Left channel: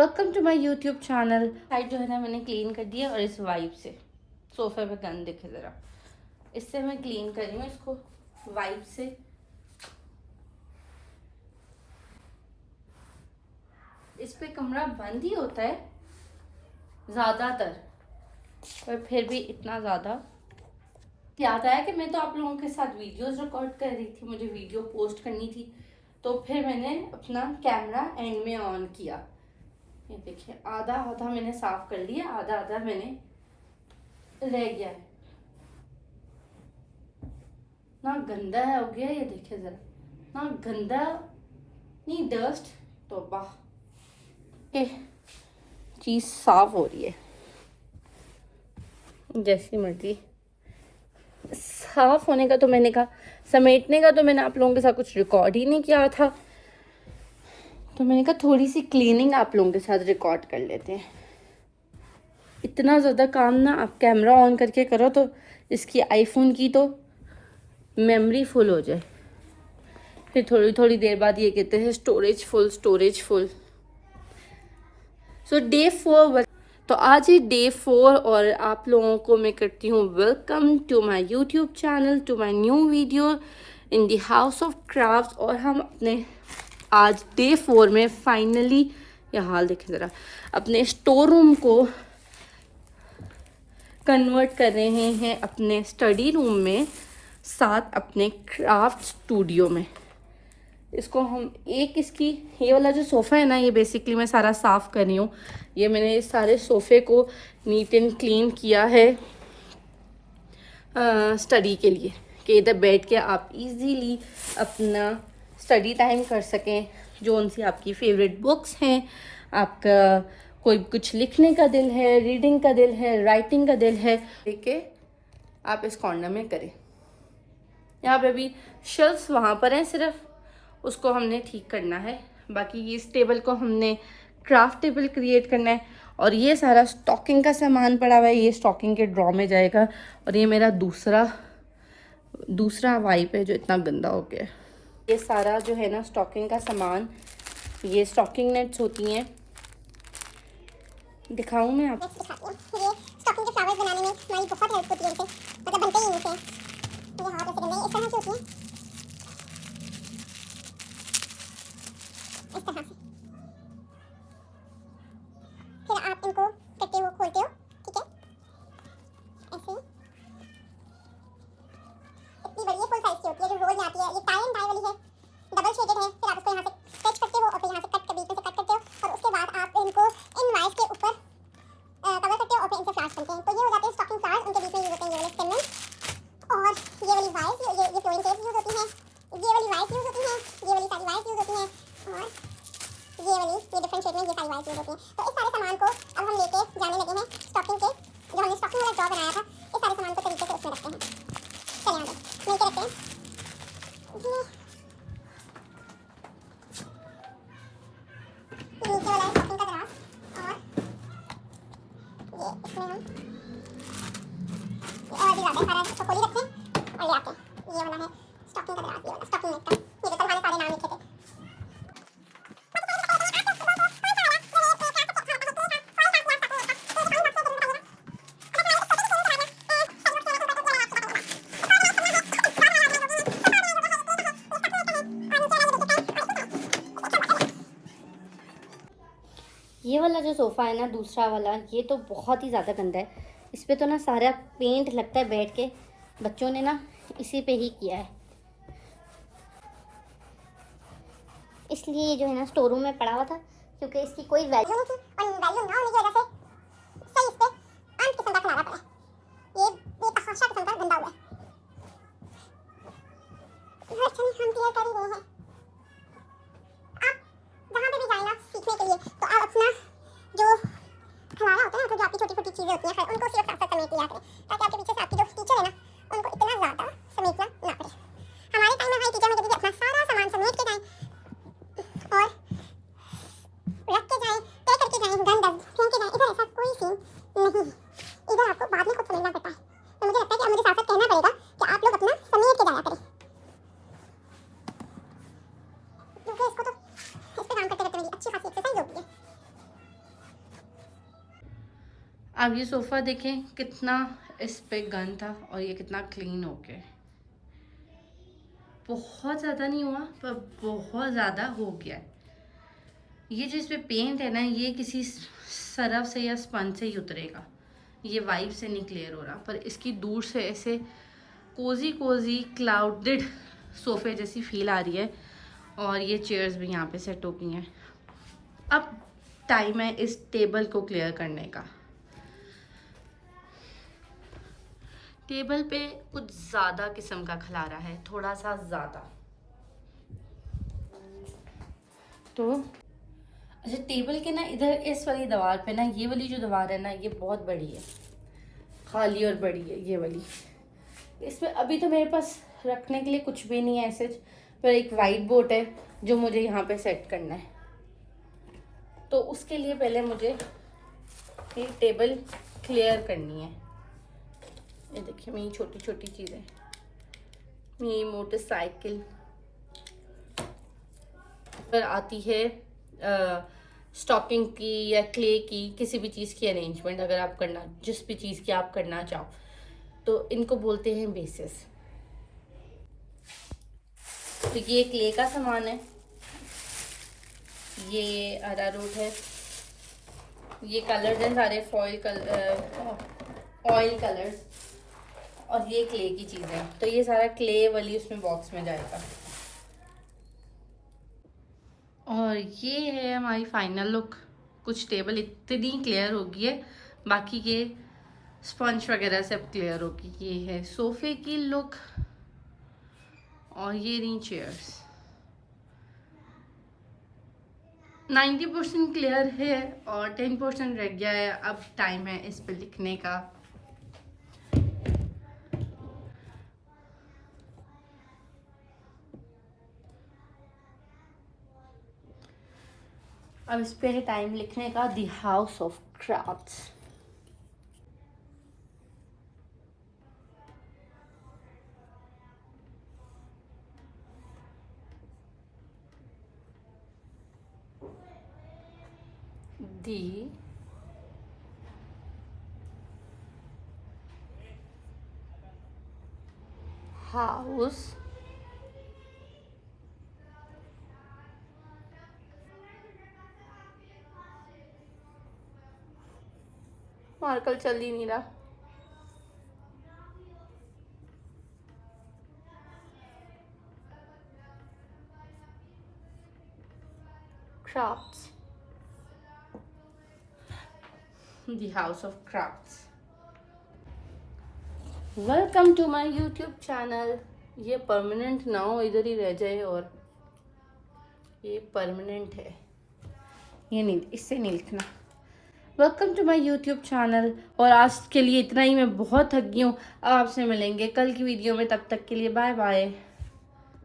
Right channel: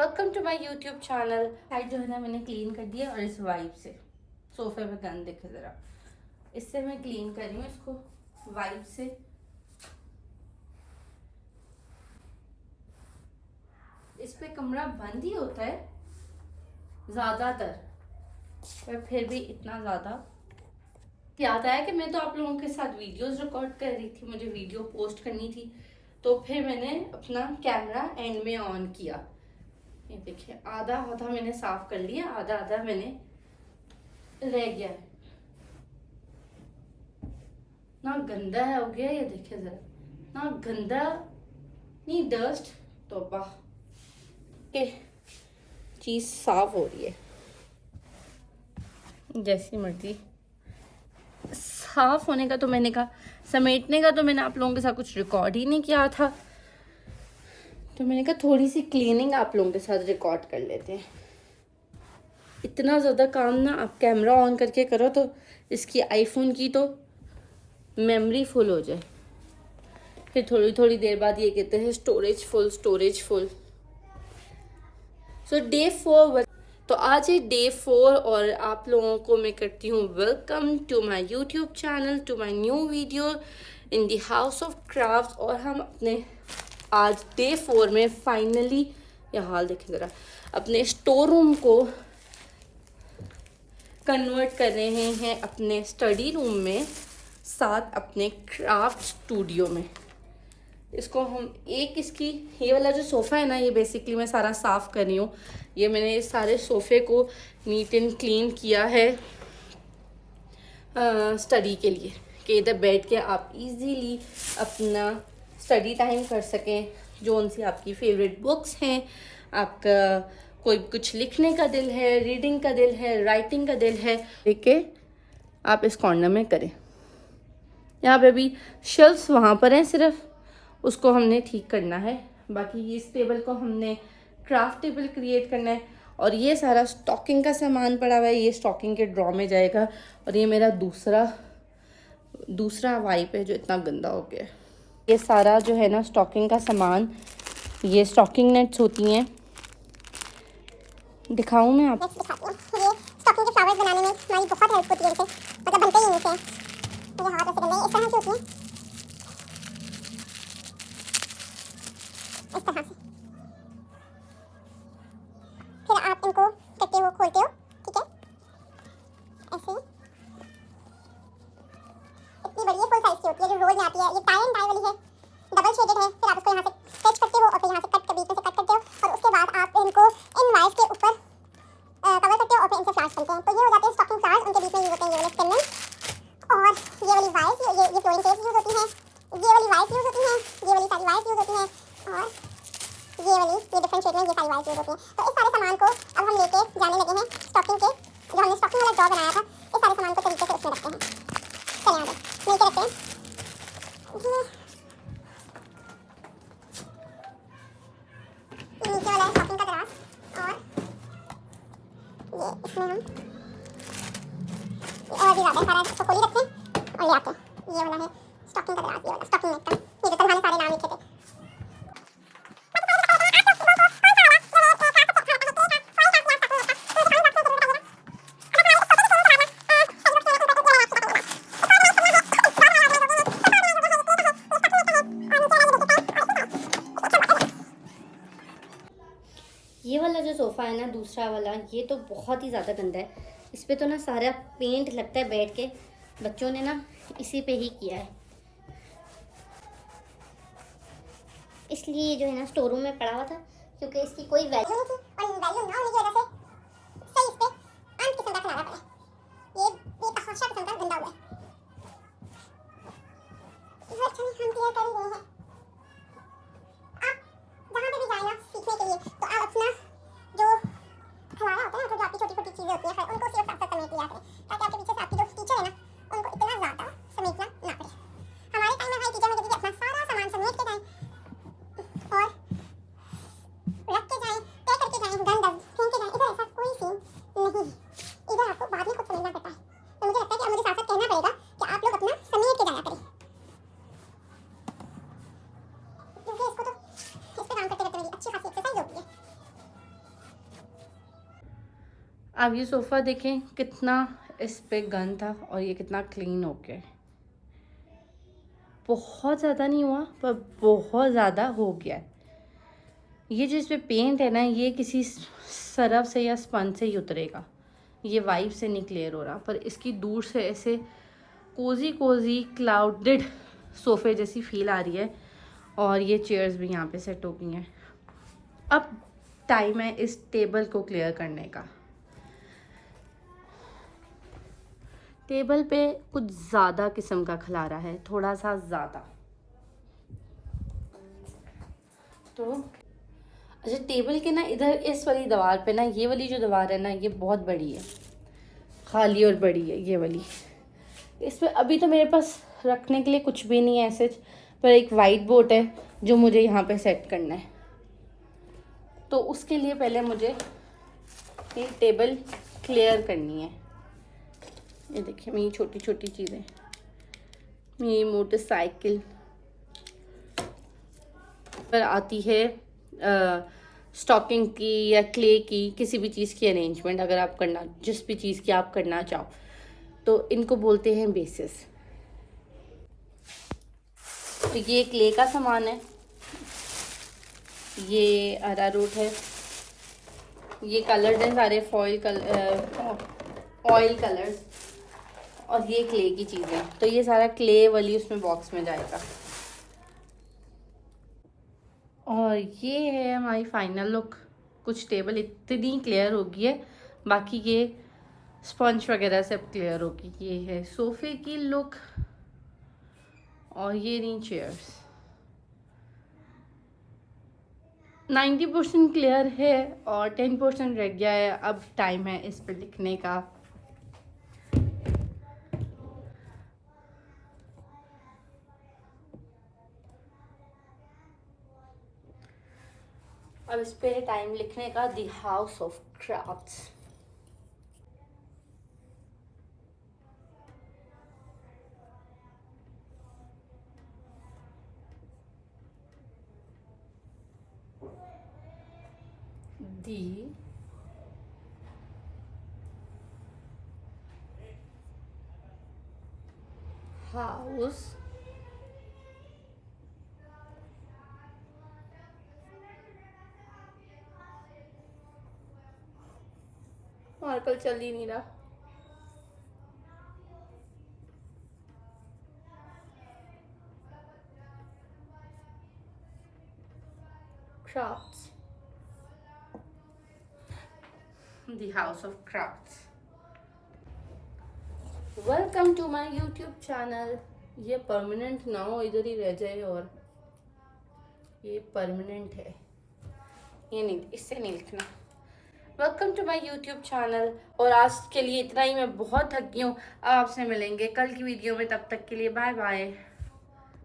Welcome to my YouTube channel. Side जो है ना मैंने क्लीन कर दिया और इस वाइप से सोफे पे गंद दिखे ज़रा, इससे मैं क्लीन कर रही हूँ इसको वाइप से। इस पे कमरा बंद ही होता है ज़्यादातर, पर फिर भी इतना ज़्यादा याद आया कि मैं तो आप लोगों के साथ वीडियोस रिकॉर्ड कर रही थी, मुझे वीडियो पोस्ट करनी थी, तो फिर मैंने अपना कैमरा एंड में ऑन किया। ये देखिए आधा आधा मैंने साफ कर लिया, आधा आधा मैंने रह गया है। ना गंदा है हो गया, ये देखिए जरा, ना गंदा नहीं डस्ट, तो वाह चीज साफ हो रही है जैसी मर्जी। साफ होने का तो मैंने कहा, समेटने का तो मैंने आप लोगों के साथ कुछ रिकॉर्ड ही नहीं किया था, तो मैंने कहा थोड़ी सी क्लीनिंग आप लोगों के साथ रिकॉर्ड कर लेते हैं। इतना ज़्यादा काम ना आप कैमरा ऑन करके करो तो इसकी आईफोन की तो मेमोरी फुल हो जाए, फिर थोड़ी थोड़ी देर बाद ये कहते हैं स्टोरेज फुल स्टोरेज फुल। सो डे 4, तो आज ही डे 4 और आप लोगों को मैं करती हूँ welcome to my YouTube channel, to my new video in the house of craft. और हम अपने आज डे 4 में फाइनली, यह हाल देखें ज़रा, अपने स्टोर रूम को कन्वर्ट कर रहे हैं अपने स्टडी रूम में, साथ अपने क्राफ्ट स्टूडियो में। इसको हम इसकी ये वाला जो सोफ़ा है ना, ये बेसिकली मैं सारा साफ़ कर रही हूँ। ये मैंने इस सारे सोफ़े को नीट एंड क्लीन किया है स्टडी के लिए, कि इधर बैठ के आप इजीली अपना स्टडी टाइम कर सकें। जो उनसे आपकी फेवरेट बुक्स हैं, आपका कोई कुछ लिखने का दिल है, रीडिंग का दिल है, राइटिंग का दिल है, लेके आप इस कॉर्नर में करें। यहाँ पे भी शेल्फ्स वहाँ पर हैं, सिर्फ उसको हमने ठीक करना है। बाकी इस टेबल को हमने क्राफ्ट टेबल क्रिएट करना है। और ये सारा स्टॉकिंग का सामान पड़ा हुआ है, ये स्टॉकिंग के ड्रॉ में जाएगा। और ये मेरा दूसरा वाइप है जो इतना गंदा हो गया है। ये सारा जो है ना स्टॉकिंग का सामान, ये स्टॉकिंग नेट्स होती हैं, दिखाऊं मैं आपको? ये स्टॉकिंग के फ्लावर्स बनाने में हमारी बहुत हेल्प होती है इनसे, मतलब बनते ही इनसे। ये हाथ ऐसे गंदे इस तरह से होती है, इस तरह से। फिर आप इनको करते हो, खोलते हो, ठीक है, ऐसे। इतनी बड़ी फुल साइज की होती है जो रोल में आती है। ये टाई एंड डाई वाली है, डबल शेडेड है। फिर आप उसको यहाँ से स्ट्रेच करते हो और फिर यहाँ से कट बीच में से कट करते हो, और उसके बाद आप इनको इन वाइज के ऊपर कवर करते हो और फिर इनसे फ्लावर्स बनते हैं। तो ये हो जाते हैं स्टॉकिंग फ्लावर्स। उनके बीच में यूज होते हैं ये वाले स्टेमन, और ये वाली वाइज, ये फ्लोरिंग टेप्स यूज होती हैं, ये वाली वाइज यूज होती हैं, ये वाली सारी वाइज यूज होती हैं, और ये वाली ये डिफरेंट शेड में ये सारी वाइज यूज होती हैं। तो इस सारे सामान को अब हम लेके जाने लगे हैं स्टॉकिंग के, जो हमने स्टॉकिंग वाला ड्रॉ बनाया था, इस सारे सामान को तरीके से उसमें रखते हैं। चलिए आगे मिलकर रखते हैं जी। ये नीचे वाला है स्टॉकिंग का दराज, और ये इसमें हम और भी ज़्यादा सारा इसको खोली रखते हैं और ले आते हैं। ये वाला है स्टॉकिंग का दराज, ये वाला स्टॉकिंग नेट का। ये तो हमारे सारे नाम लिखे थे। ये वाला जो सोफ़ा है ना, दूसरा वाला, ये तो बहुत ही ज़्यादा गंदा है। इस पे तो ना सारा पेंट लगता है बैठ के, बच्चों ने ना इसी पे ही किया है, इसलिए ये जो है ना स्टोर रूम में पड़ा हुआ था, क्योंकि इसकी कोई वैल्यू नहीं थी, और वैल्यू ना होने की वजह से सही इस पे अंत किस्म का खिलाना पड़ा है। ये बेतहाशा किस्म का गंदा हुआ है। वर्षन हम क्लियर कर ही रहे हैं। आप जहाँ पे भी जाए ना सीखने के लिए, तो आप अपना जो खिलाना होता है ना, तो जो आपकी छोटी छोटी चीज़ें होती हैं, उनको सिर्फ साथ साथ समेट लिया करें, ताकि आपके पीछे से आपके जो टीचर है ना, उनको इतना ज़्यादा समेटना ना पड़े। हमारे टाइम में हमारे टीचर में कहते थे अपना सारा सामान समेट के जाएं और रख के जाएं, तय करके जाएं, गंद फेंक के जाएं। इधर ऐसा कोई सीन नहीं है। इधर आपको बाद में खुद समझना पड़ता है। तो मुझे लगता है कि अब मुझे साथ साथ कहना पड़ेगा कि आप लोग अपना समेट के जाया करें, क्योंकि इसको तो इस पे काम करते करते मेरी अच्छी खासी एक्सरसाइज होती है। अब ये सोफ़ा देखें कितना इस पे गंद था और ये कितना क्लीन हो गया। बहुत ज़्यादा नहीं हुआ पर बहुत ज़्यादा हो गया है। ये जिस पे पेंट है ना, ये किसी सरफ से या स्पंज से ही उतरेगा, ये वाइप से नहीं क्लियर हो रहा। पर इसकी दूर से ऐसे कोजी कोजी क्लाउडेड सोफ़े जैसी फील आ रही है। और ये चेयर्स भी यहाँ पे सेट हो गई हैं। अब टाइम है इस टेबल को क्लियर करने का। टेबल पे कुछ ज़्यादा किस्म का खलारा है, थोड़ा सा ज़्यादा। तो अच्छा, टेबल के ना इधर इस वाली दीवार पे ना, ये वाली जो दीवार है ना, ये बहुत बड़ी है, खाली और बड़ी है ये वाली। इस पे अभी तो मेरे पास रखने के लिए कुछ भी नहीं है ऐसे, पर एक वाइट बोर्ड है जो मुझे यहाँ पे सेट करना है। तो उसके लिए पहले मुझे ये टेबल क्लियर करनी है। ये देखिए मेरी छोटी छोटी चीज़ें, मेरी मोटरसाइकिल पर आती है स्टॉकिंग की या क्ले की, किसी भी चीज़ की अरेंजमेंट अगर आप करना, जिस भी चीज़ की आप करना चाहो, तो इनको बोलते हैं बेसिस। तो ये क्ले का सामान है, ये अरारूट है, ये कलर्स हैं सारे फॉइल ऑयल कलर्स, और ये क्ले की चीज़ें। तो ये सारा क्ले वाली उसमें बॉक्स में जाएगा। और ये है हमारी फाइनल लुक। कुछ टेबल इतनी क्लियर हो गई है, बाकी ये स्पंज वगैरह सब क्लियर होगी। ये है सोफ़े की लुक और ये रही चेयर्स। 90% क्लियर है और 10% रह गया है। अब टाइम है इस पे लिखने का। अब इस पे टाइम लिखने का the house of crafts. The house marker चल ही नहीं रहा। Crafts, the house of crafts. Welcome to my YouTube channel. ये परमानेंट ना हो, इधर ही रह जाए। और ये परमानेंट है, ये नहीं, इससे नहीं लिखना। Welcome to my YouTube channel. और आज के लिए इतना ही। मैं बहुत थक गई हूँ। आपसे मिलेंगे कल की वीडियो में, तब तक के लिए बाय बाय।